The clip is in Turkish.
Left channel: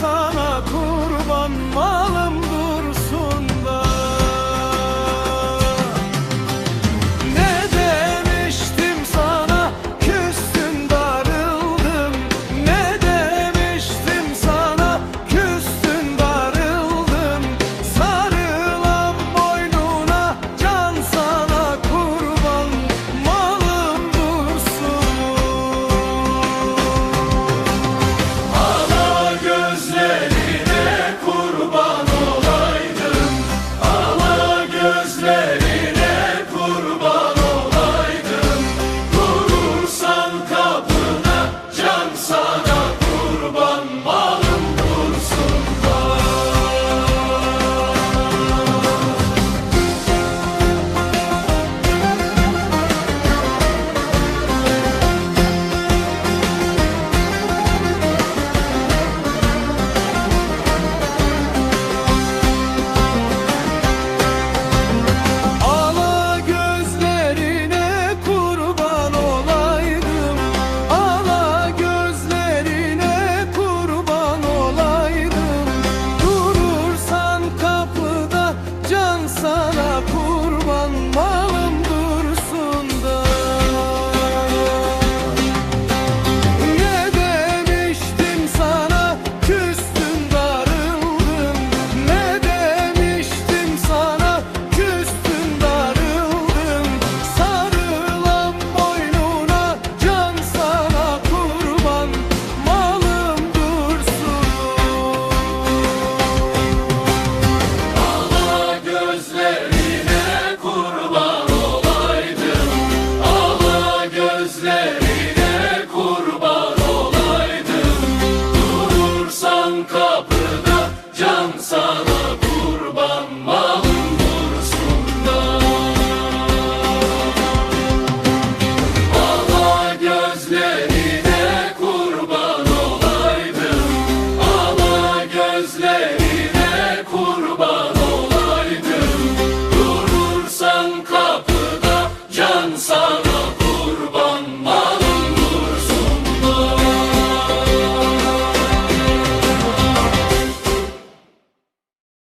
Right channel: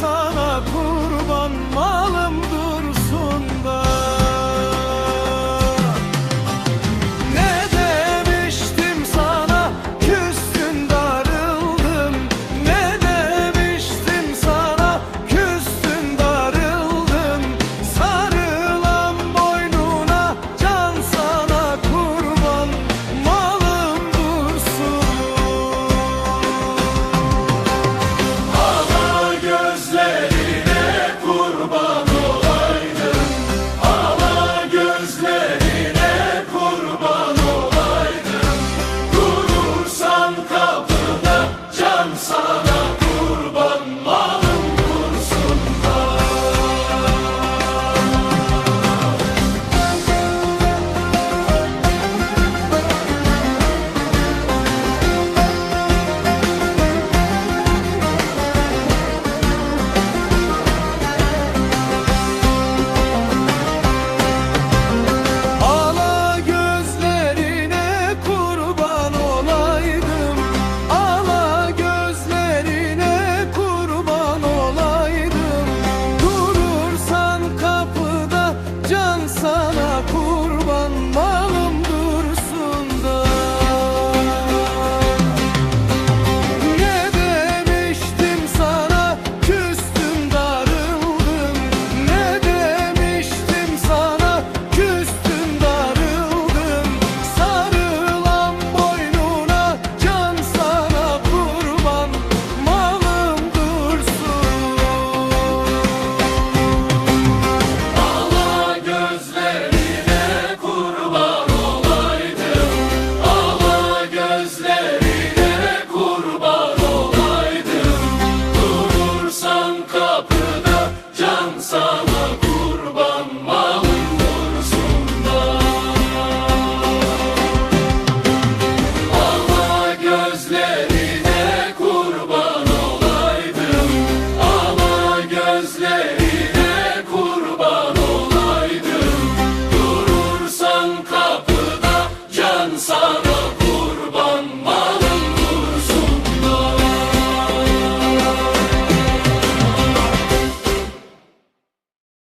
sana kurban, malım dursun da. Ne demiştim sana, küstün darıldın. Ne demiştim sana, küstün darıldın. Sarılan boynuna, can sana kurban, malım dursun. Ala gözlerine kurban olaydım. Ala gözlerine kurban olaydım. Durursan kapıda, can sana kurban, malım dursun da. Ala gözlerine kurban olaydım. Ala gözlerine kurban olaydım. Durursan kapıda, can sana kurban, malım dursun da. Ne demiştim sana, küstün darıldın. Ne demiştim sana, küstün darıldın. Sarılan boynuna, can sana kurban, malım dursun. Ala gözlerine kurban olaydım. Ala gözlerine kurban olaydım. Durursan kapıda, can sana kurban, malım dursun da. Ala gözlerine kurban olaydım. Ala gözlerine kurban olaydım. Durursan kapıda, can sana